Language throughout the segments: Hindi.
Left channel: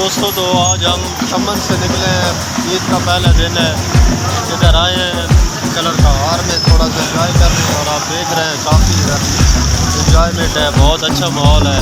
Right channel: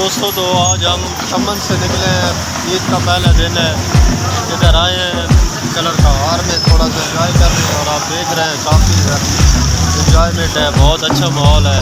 दोस्तों, तो आज हम तमन से निकले हैं। ईद का पहला दिन है। इधर आए हैं कलर kahar में थोड़ा सा एंजॉय कर रहे हैं और आप देख रहे हैं काफ़ी एंजॉयमेंट है, बहुत अच्छा माहौल है।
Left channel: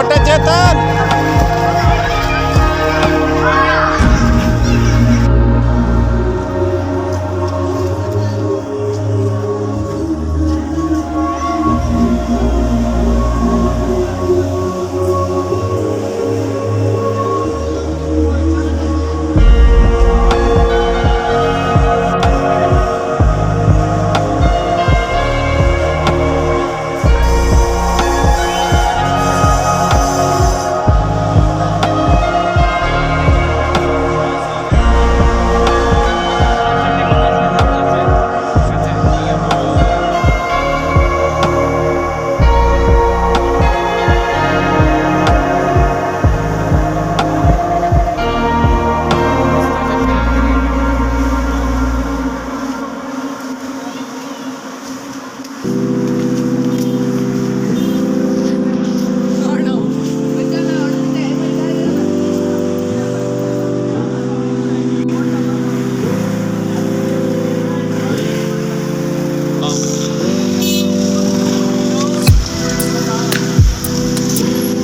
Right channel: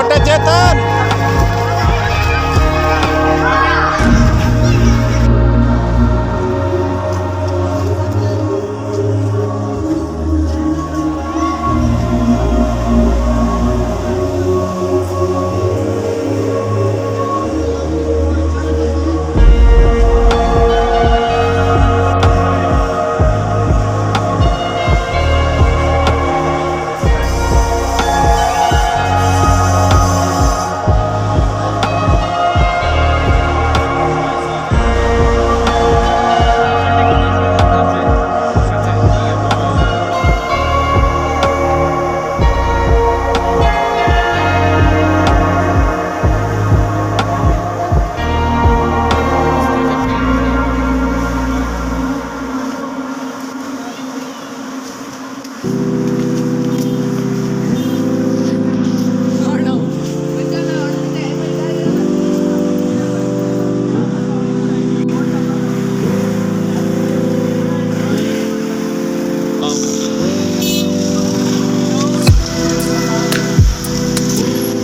छोटे चेतन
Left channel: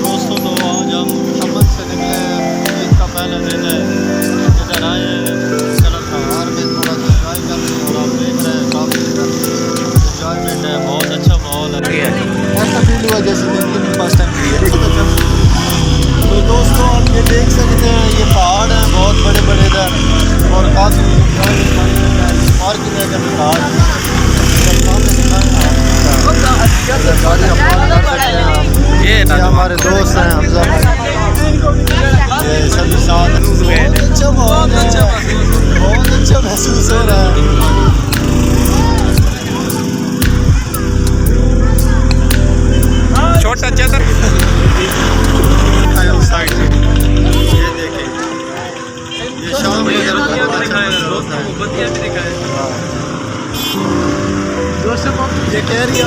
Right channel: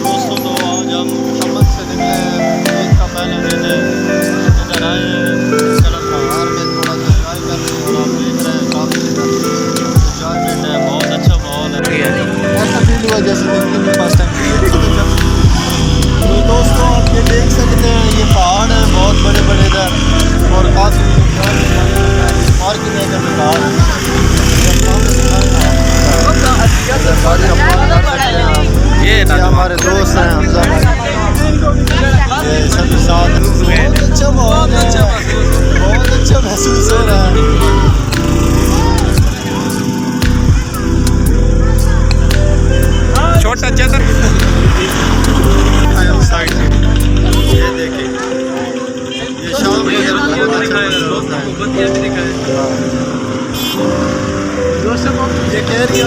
दोस्तों, तो आज हम तमन से निकले हैं। ईद का पहला दिन है। इधर आए हैं कलर कहार में थोड़ा सा इंजॉय कर रहे हैं और आप देख रहे हैं काफ़ी इंजॉयमेंट है, बहुत अच्छा माहौल है। ऐसा फील हुआ जैसे ज़िंदगी में फर्स्ट टाइम हुई है। तो दोस्तों, आप ये देख सकते हैं, ये पहाड़ हैं बहुत बड़े बड़े इधर और काफ़ी पार्किंग है इधर पहाड़ ये हमारे दोस्त हैं हमजा भाई, ये सभी साथ। बहुत अच्छा माहौल है, बहुत अच्छा महसूस हो रहा है। छोटा चेतन साइड से ये देखें, ये शाम को इधर बहुत अच्छा होता है। दोस्तों, ये कह रही है